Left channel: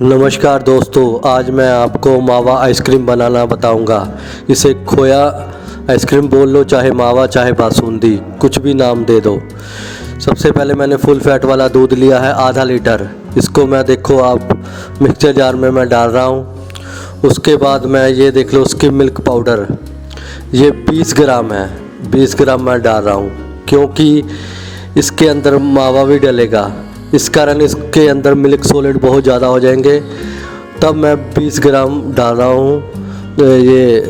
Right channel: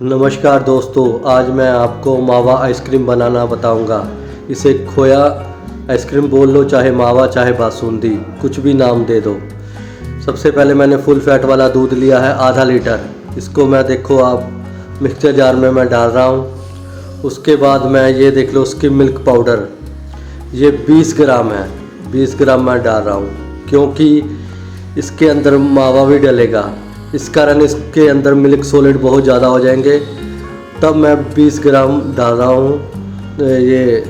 नमस्कार दोस्तों, आज मैं आपको मावा आइसक्रीम बनाना बताऊंगा। इसे खोया आइसक्रीम बोल लो, चाहे मावा चाहे बासुंदी, कुछ भी नाम दे दो। सबसे पहले मैंने फुल फैट वाला दूध लिया है आधा लीटर। इसको मैं देखो आप मिक्सचर जार में मैं डाल रहा हूँ। उसके बाद मैं ये देख लो स्किम मिल्क पाउडर, ये 20 ग्राम है। 20 ग्राम मैं डाल रहा हूँ क्योंकि इसके अंदर मावा भी डलेगा, इस कारण इसके अंदर मिल्क सॉलिड बहुत ज़्यादा हो जाएंगे। तब मैं 20 ग्राम डाल रहा हूँ ये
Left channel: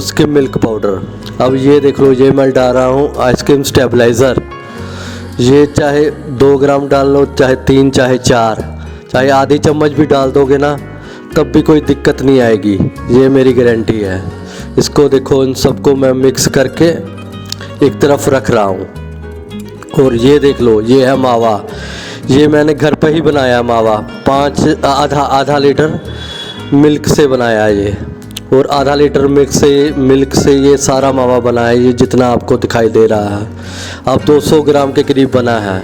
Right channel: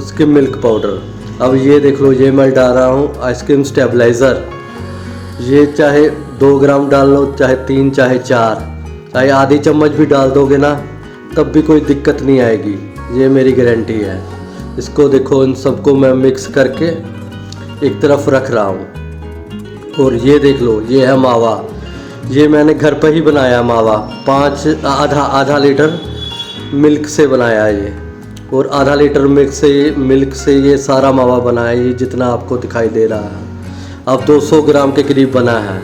स्किम मिल्क पाउडर। अब ये देख लो, ये मैं डाल रहा हूँ आइसक्रीम स्टेबलाइज़र। ये चाहे 2 ग्राम डाल लो, चाहे 3, चाहे 4, चाहे आधी चम्मच भी डाल दोगे ना, तब भी कोई दिक्कत नहीं आएगी, ये मेरी गारंटी है। इसको देखो, इन सबको मैं मिक्स करके एक तरफ रख रहा हूँ। और ये देख लो, ये है मावा। ये मैंने घर पर ही बनाया मावा, आधा लीटर मिल्क से बनाया ये। और आधा लीटर मिल्क से ये सारा मावा बना है, ये जितना आपको दिखाई दे रहा है। अब 200 ग्राम के करीब बना है।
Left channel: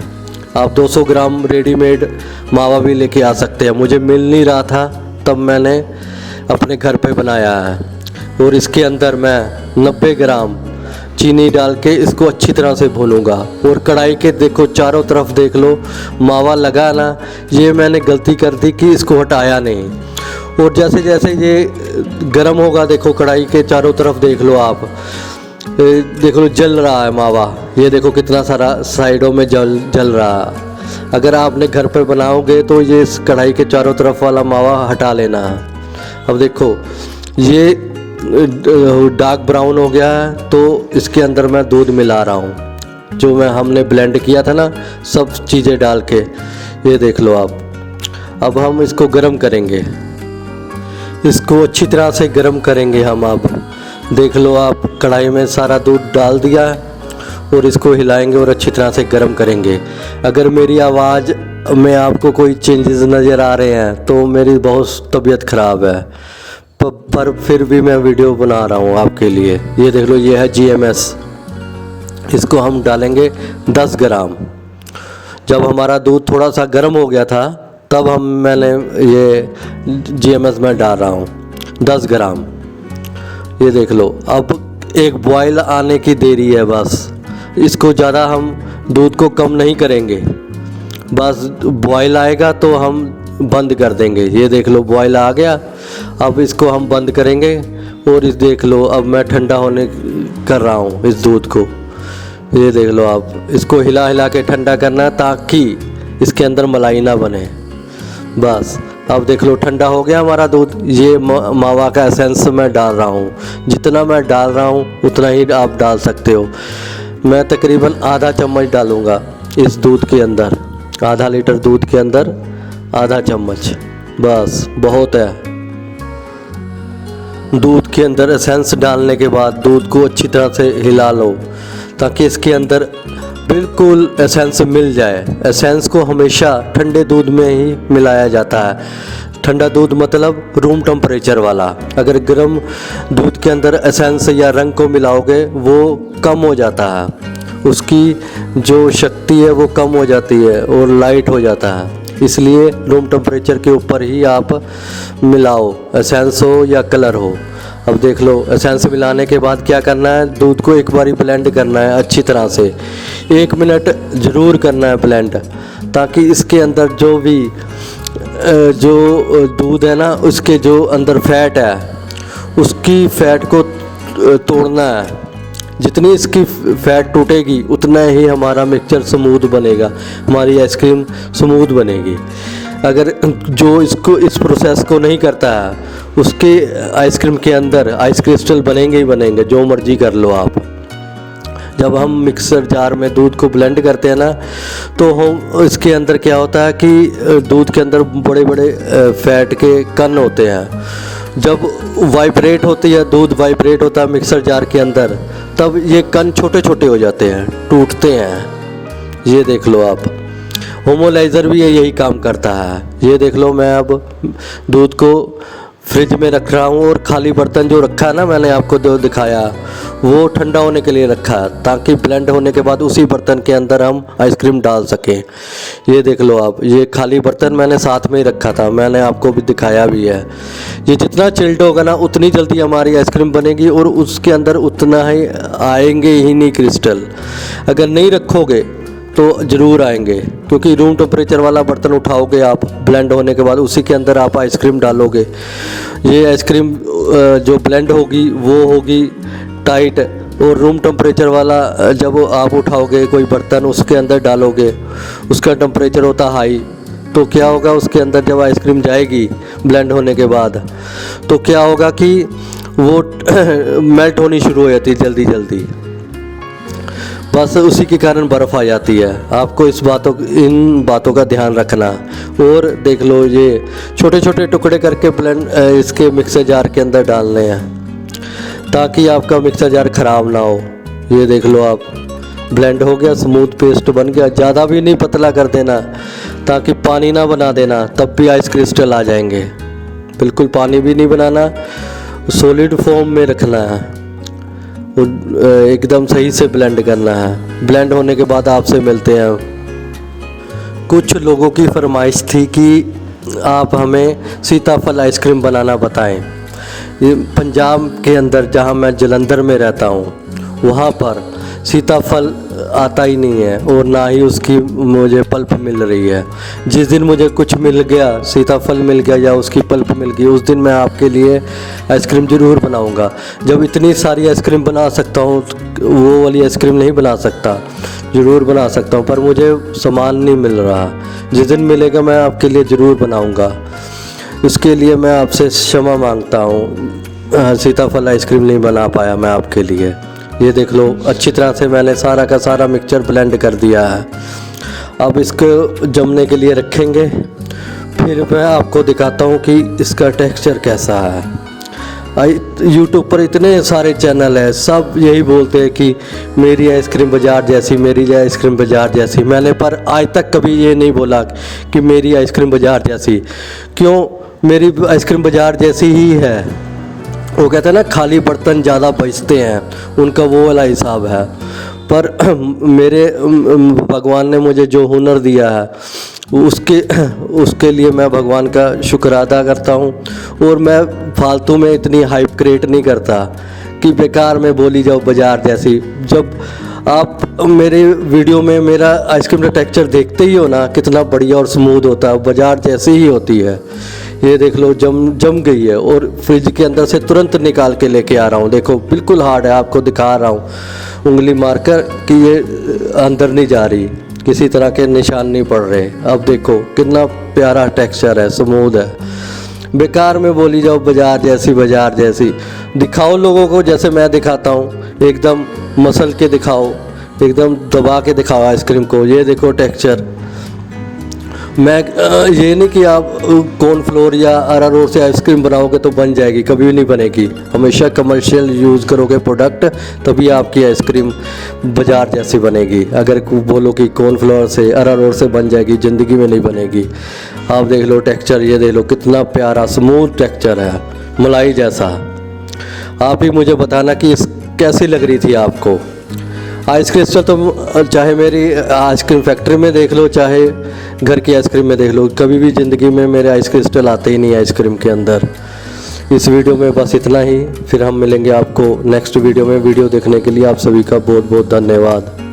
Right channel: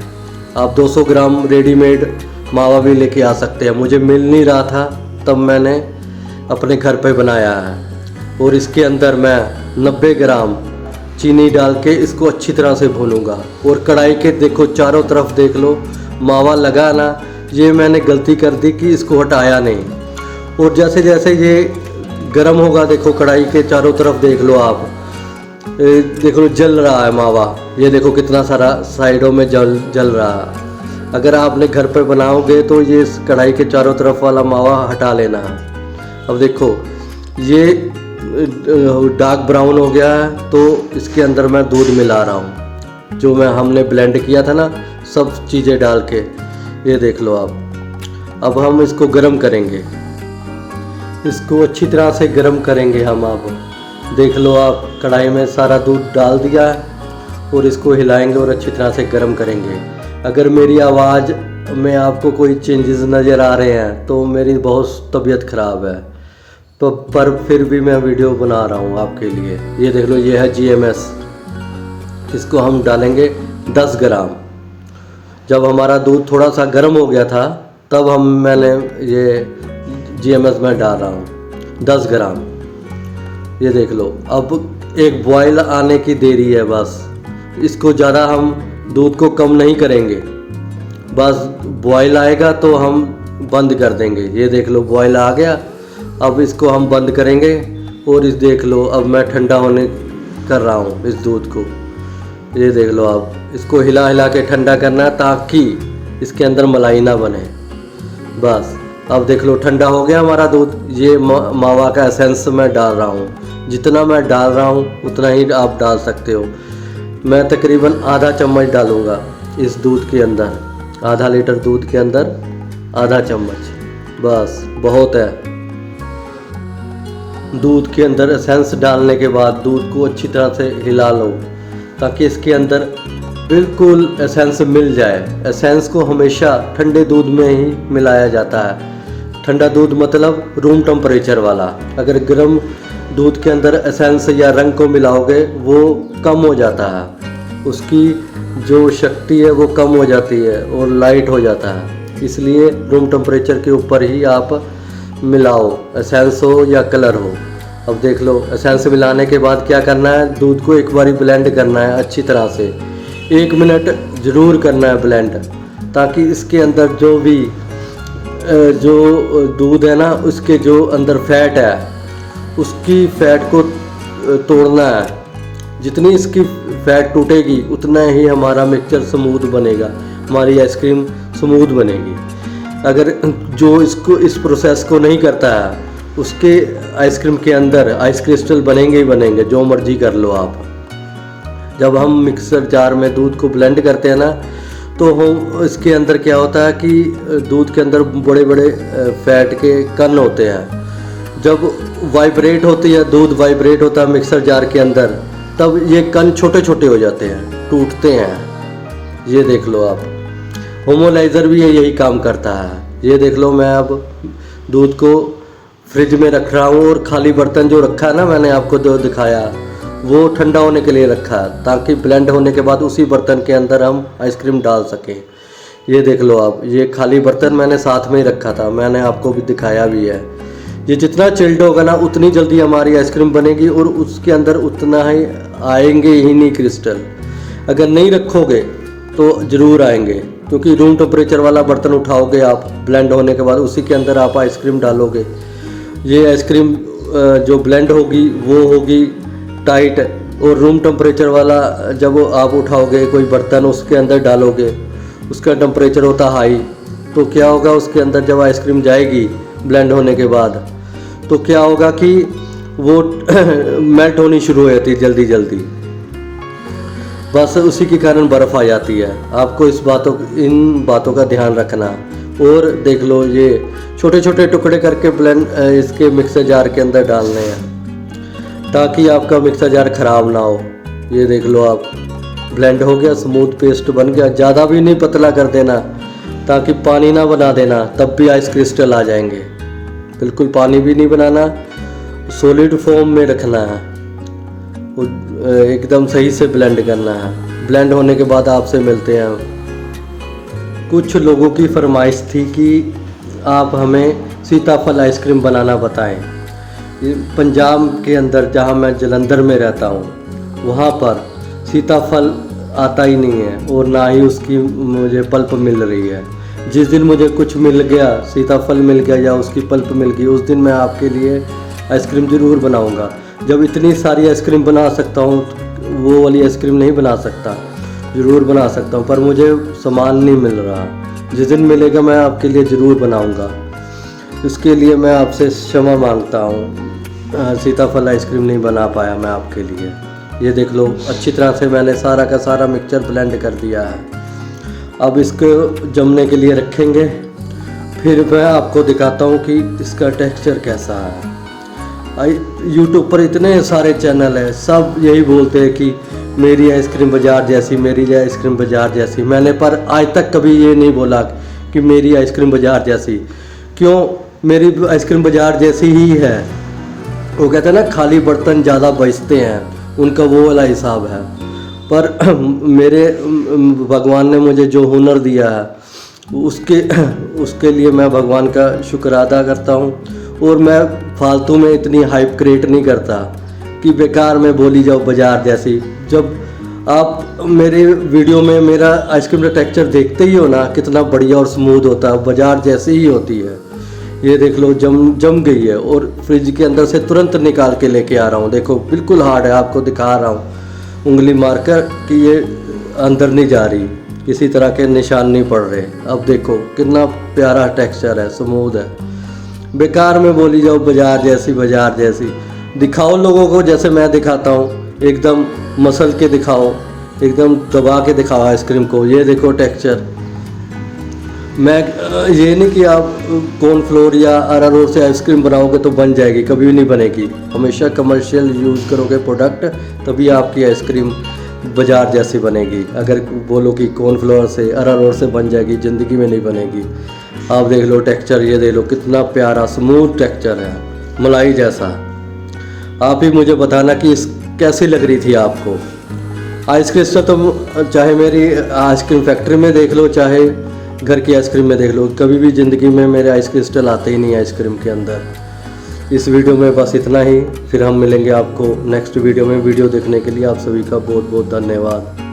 आप 200 ग्राम रेडीमेड मावा भी लेके आ सकते हैं। मुझे मिल नहीं रहा था, तब मैंने अपने घर पे बनाया है। और इसके अंदर मैं 90 ग्राम चीनी डाल के इसको अच्छी तरह से भूनूंगा। और कढ़ाई के देखो चारों तरफ देख लो, मावा लगा ना, ये मैंने गलती कर दी कि इसको हटाया नहीं। और जैसे जैसे ये गर्म होगा, देखो कढ़ाई के चारों तरफ देख लो आप, देख लो जल रहा है मावा। ये देखो कितना सारा साइडों में जल रहा है। अगर आपने घर पर बनाओगे तो ये इस कढ़ाई के चारों तरफ वाला मावा हटा लेना है। अब देखो ये डार्क ब्राउन हो गया है, तो इसके अंदर मैं दूध मिला रहा हूँ, जो हमने ब्लेंड किया था ना, सब चीज़ें डाल के। ये देख लो आप। अब हम इसको गरम करेंगे, इसको अच्छी तरह से गरम करेंगे हम। अब देख लो आप, कढ़ाई में सारा दूध डाल दिया है और इसको हिलाएंगे और अच्छी तरह से गरम करेंगे। अगर मेरी आवाज़ में आपको कोई चेंजेस नज़र आ रहे हैं तो मेरी बहुत तबीयत ख़राब है, पर फिर भी मैं वीडियो बना रहा हूँ आपके लिए। ये देख लो, ये है GMS। इसको हम डालेंगे 10 ग्राम। जब हमारा दूध थोड़ा सा गर्म हो गया था, तब मैंने ये GMS में डाल रहा हूँ 10 ग्राम। ये देख लो, अब एक बॉयल आने की देरी है बस। इसको ज़्यादा हम दूध को कम नहीं करेंगे, बस बॉयल आएगा तो हम बंद कर देंगे। ये देख लो, बॉयल आ गया। अब इसको हम बंद करेंगे। और इस देख लो, अब मैं ठंडा होने कर रहा हूँ इस दूध को। ये देख लो आप, इसको हिला हिला के ठंडा करना है ताकि इसके अंदर मलाई ना बने। बस अब देख लो, ठंडा हो गया हमारा दूध। ये मावा का एसेंस मैं डाल रहा हूँ। जितना मैं डाल रहा हूँ उतना ही आप डाल सकते हो। मैं तकरीबन आधा चम्मच डालूँगा इस दूध के अंदर। आधा लीटर दूध के अंदर आधा चम्मच, बस बहुत है। दूध के अंदर एसेंस डालने के बाद दूध को अच्छी तरह से हिला लो ताकि इसके अंदर बिल्कुल एसेंस मिल जाए। एसेंस को हमेशा ठंडे दूध में ही मिलाया जाता है। ठंडा दूध मतलब रूम टेम्परेचर वाला। अगर गर्म दूध के अंदर एसेंस या रंग को मिलाओगे, वो कम हो जाता है, उसकी जो शक्ति है वो कम हो जाती है और लाइट हो जाता है। इसलिए रूम टेम्परेचर के ऊपर ही आप मिलाओ, एसेंस हो या कलर हो। अब देख लो, एसेंस मिलाने के बाद क्या करना है, दूध को एक बारी ब्लेंड करना है अच्छी तरह से। 1 मिनट ज़रूर करना है ब्लेंड, ताकि इसके अंदर जो भी जो दूध है ना, उसके जो अंदर फैट है, उसकी फैट को तोड़ना है। जितनी इसकी फैट टूटेगी उतना ही हमारा मिक्सचर स्मूथ बनेगा, हमारी आइसक्रीम स्मूथ बनेगी। अगर जो इस प्रोसेस को नहीं करता है, उसके आइसक्रीम के अंदर आइस क्रिस्टल बनेंगे ही बनेंगे, जो मर्जी कर लो आप। जब हम मिक्सर जार में दूध को ब्लेंड करते हैं ना, तो हम इसके अंदर क्या होता है कि दूध के अंदर बड़े बड़े फैट के कण होते हैं। जब वाइब्रेट होती है, दूध वाइब्रेट होता है मिक्सर जार के अंदर, तब ये कण छोटे छोटे हो जाते हैं, टूटते हैं। ये देख लो आप, होमोलाइज़र भी यही काम करता है। ये देख लो, मैं अब दूध को फ्रिज में रख रहा हूँ और खाली बर्तन जो रखा है ना, मैंने आपको जो दिखाया, वो ठंडा होने के लिए रखा है ताकि ब्लेंड होने के बाद उसी बर्तन के अंदर हम आइसक्रीम डाल सकें। ये देख लो आप, ये खाली बर्तन मैंने साथ में ही रखा था, मैंने आपको भी दिखाया भी है। ये जितना चिल्ड होगा ना उतनी जल्दी हमारी आइसक्रीम बनेगी और उसके अंदर उतना ही आएंगे ही नहीं क्रिस्टल। अगर नहीं रखोगे तो ज़रूर आएंगे, क्योंकि रूम टेम्परेचर वाला बर्तन उठाओगे आप, ब्लेंड होने के बाद उसी के अंदर आप आइसक्रीम डालोगे। ये आइसक्रीम जो ब्लेंड होगी वो होगी टाइट, और रूम टेम्परेचर वाला जब आप उठाओगे कोई बर्तन उसके अंदर डालोगे, उसका टेम्परेचर होता हाई, तो क्या होगा उसके अंदर जब आइसक्रीम जाएगी ब्लेंड होने के बाद तो क्या होगा कि वो मेल्ट होनी शुरू हो जाती है जल्दी जल्दी, बस उसी के कारण बर्फ़ आ जाती है। आपको इन बातों का ध्यान रखना। और देख लो, ये छोटे छोटे टुकड़े करके ब्लेंड इसके मिक्सर जार के अंदर डालने हैं ताकि आपका मिक्सर जार ख़राब ना हो। ये देख लो आप, ब्लेंड हो गया, स्मूथ पेस्ट बन गया। ज़्यादा भी नहीं पतला कर देना ताकि पानी ना बना देना, तब भी आइस क्रिस्टल आ जाएंगे। बिल्कुल पानी भी नहीं बनाना, सॉलिड फॉर्म में रखना है, एकदम सही से ब्लेंड करना है। ब्लेंड होने के बाद आपसे मिलते हैं। कुछ लोगों की फरमाइश थी कि आप हमें सीताफल आइसक्रीम बनाना बताएं। ये पंजाब के अंदर जहां मैं जलंधर में रहता हूं वहां पर सीताफल आता ही नहीं है और ना ही उसकी मुझे पल्प मिल रही है। जिस दिन मुझे कुछ मिल गया, सीताफल मिल गया या उसकी पल्प मिल गई, उस दिन मैं आपके लिए आइसक्रीम ज़रूर बनाऊंगा। जब इतनी सारी आइसक्रीम बना सकता हूँ, वो वाली आइसक्रीम नहीं बना सकता, ज़रूर बना सकता हूँ, पर मुझे सामान नहीं मिल रहा। जिस दिन मिलेगा मैं आपके लिए ज़रूर बनाऊंगा। उसके लिए मैं आपसे क्षमा मांगता हूँ, सीताफल आइसक्रीम नहीं बना पाया मैं आपके लिए। ये देख लो, अच्छी तरह से मैंने सारा का सारा मिक्सचर ब्लेंड कर दिया है। अब इसको जमने के लिए रखेंगे, फिर मैं आपको दिखाता हूँ कि इसका टेक्सचर कैसा है। यूट्यूब पर इतने सारे चैनल हैं, सब यही बोलते हैं कि मेरी आइसक्रीम बाज़ार जैसी, मेरी आइसक्रीम बाज़ार जैसी। मैंने पर आज तक कभी ये नहीं बोला कि मेरी आइसक्रीम बाज़ार जैसी। क्यों? मेरी आइसक्रीम बाज़ार जैसी ही है। वो कहते हैं ना, खाली बर्तन ज़्यादा बचते हैं, उनका वो वाला हिसाब है। पर मेरे भगवान ने मुझे जो हुनर दिया है उसके लिए मैं भगवान का शुक्र अदा करता हूँ। और मैं फालतू में इतनी हाइप क्रिएट नहीं करता कि बेकार में बोली जाओ बाज़ार जैसी। जब आप मेरे वीडियो में मेरा आइसक्रीम का टेक्सचर देखते ही हो ना, कितना बढ़िया और स्मूथ होता है, बाज़ार जैसी ही होती है। ये देख लो, जम गई है और फ्रिज के अंदर से तुरंत निकाल के लेके आ रहा हूँ। देखो बिल्कुल हार्ड है, आपको दिखा रहा हूँ उंगली मारकर कि ये अंदर नहीं जा रही, किसी तरह के निशान नहीं पड़ रहे। अब देखो कितना प्यारा टेक्सचर है, स्मूथ है। बेकार में बोली जाओ बाज़ार जैसी, बाज़ार जैसी। दिखाओ लोगों को जैसे मैं दिखाता हूँ, एकदम मसल के दिखाओ, एकदम दबा के दिखाओ आइसक्रीम को। ये देखो टेक्सचर। मैं ये नहीं कि आप कॉर्नफ्लोर या अरारोट से आइसक्रीम बनाओगे तो बन जाएगी, कभी नहीं बनेगी। हमेशा कमर्शियल यूज़ करोगे प्रोडक्ट, तभी आपकी आइसक्रीम बाज़ार जैसी बनेगी। अगर बोलो कि कॉर्नफ्लोर से, अरारोट से बन जाएगी, ज़िंदगी में नहीं बनेगी। आप देख लो टेक्सचर, ये देख लो कितना प्यारा स्मूथ टेक्सचर है, मलाई जैसा। आप ही मुझे बताना कि कैसी लग रही थी आपको आइसक्रीम। तो चाहे मेरी आइसक्रीम फैक्ट्री में देख लो, चाहे घर की आइसक्रीम में देख लो, कभी भी ज़िंदगी में मेरे आइस क्रिस्टल आते ही नहीं आइसक्रीम के अंदर। इस वीडियो में बस इतना ही, फिर हम मिलेंगे आपको नेक्स्ट वीडियो में। वीडियो देखने के लिए आप सभी का बहुत बहुत धन्यवाद।